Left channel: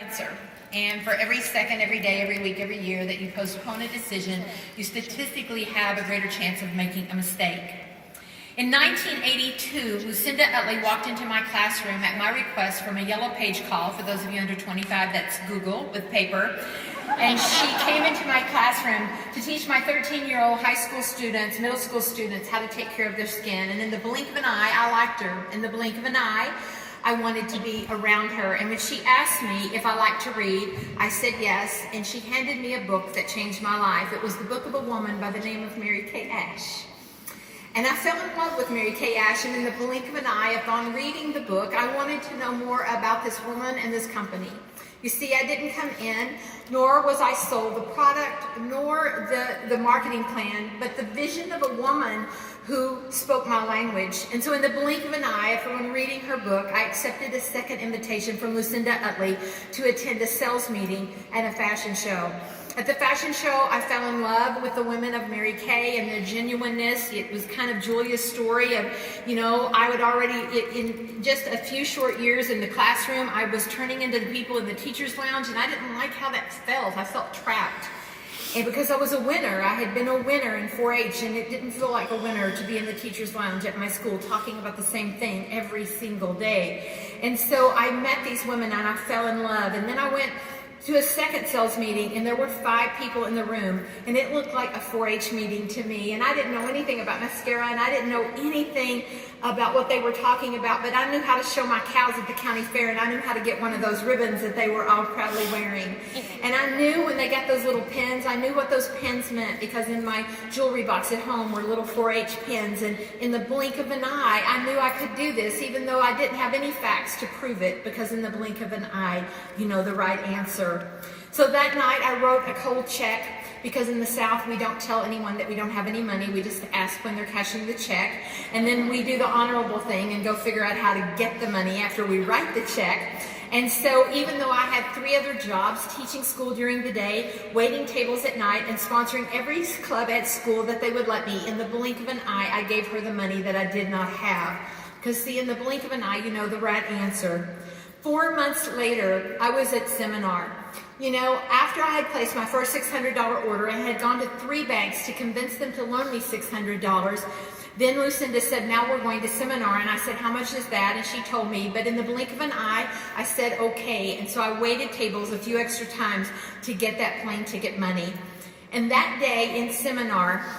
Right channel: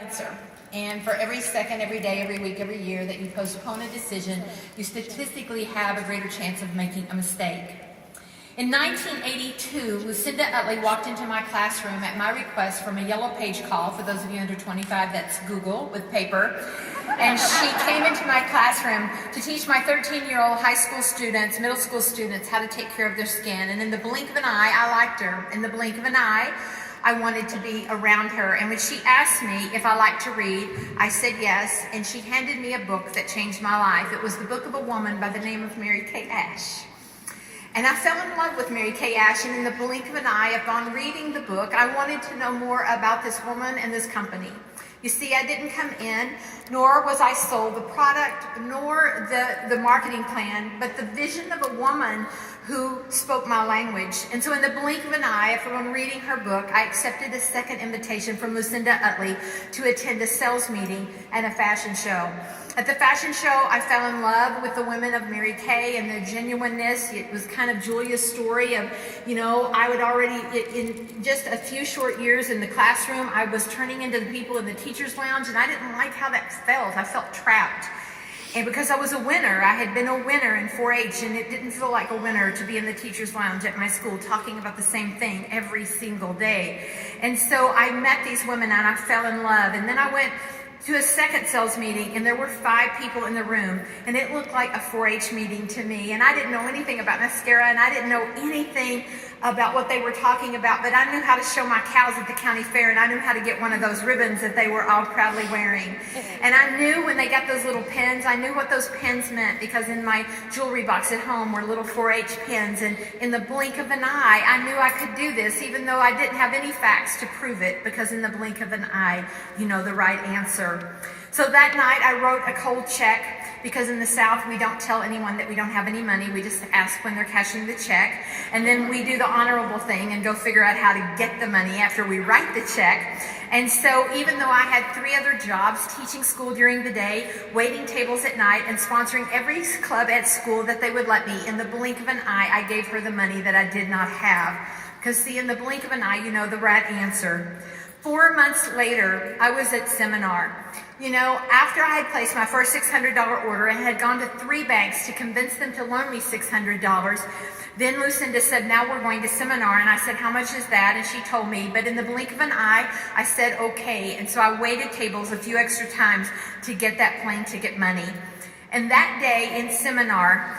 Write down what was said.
Answer. And for every second, every day, every week, every year that you postpone a decision, you statistically have a greater chance of making a mistake. In 1982, Lucinda Utley walked into my classroom at my request from a yellow page call. For those of you under 25, that's Google with paper. And she came into my classroom to teach my 13-year-old high school students, middle school students, how to take care of their skin. And in the blink of an eye, I liked her. In the blink of an eye, I wanted to be around her. And when she asked me if I liked to read, I said yes, and she handed me a book that changed my life. It was the book of a woman by the name of Mary Kay Ash. And I fell in love with Mary Kay Ash, and in the blink of an eye, upon reading the book, I wanted to know more about this woman and this company. You see, I didn't come in, nor was I sold the product, nor the marketing plan, but the vision of a woman who spoke my language. And so in the blink of an eye, from reading her book, I accepted a second invitation from Lucinda Utley to attend a sales meeting at a fashion show. At the fashion show, I fell in love with the women of Mary Kay and their genuineness. It was kind of Julia's story of, I would already, in just a few short years in the classroom, I was turning into the people in the teacher's lounge, and I didn't like how that felt. I felt trapped. And because I was a winner, I had been a winner in 4-H, and it didn't feel like a winner to be in the teacher's lounge at my school talking about the same thing every single day. And so I met these women and I fell in love. And then I went to a second sales meeting, and there were 5 people in the room, and it looked like a 4-H meeting to me. And I didn't know anything about mascara, and I didn't know anything about what they were talking about, but I knew how to show my cows at the county fair, and I knew how to get one of those ribbons that they were all proudly wearing. And I knew when they got those little pins, I knew what those pins meant, because in my jewelry box at home were little 4-H pins, and in the blink of an eye, I knew I could do this, even though I didn't have any facts to prove it, because in the blink of an eye, you know the right answer. So that night I wrote a cold check, because in the South we don't tell anyone that we don't have any money. We just ask when they're cashing the check, and then we do the honorable thing and go figure out how to get the money after we write the check. And so even though I had 3 other jobs, teaching school during the day, waiting tables at night, and sponsoring every club at school that they would let me, in the blink of an eye, I gave her the money that I did not have. Because see, in the blink of an eye, you know the right answer. 4 months later, I was at seminar. After I had placed my first $600 order and had gone to 3 banks to convince them to loan me $600, then Lucinda said, now we're going to seminar. And I said, how much is that? And she told me, but in the blink of an eye, I said, okay. And so I waited tables a few extra times to get that plane ticket money. And that day in seminar,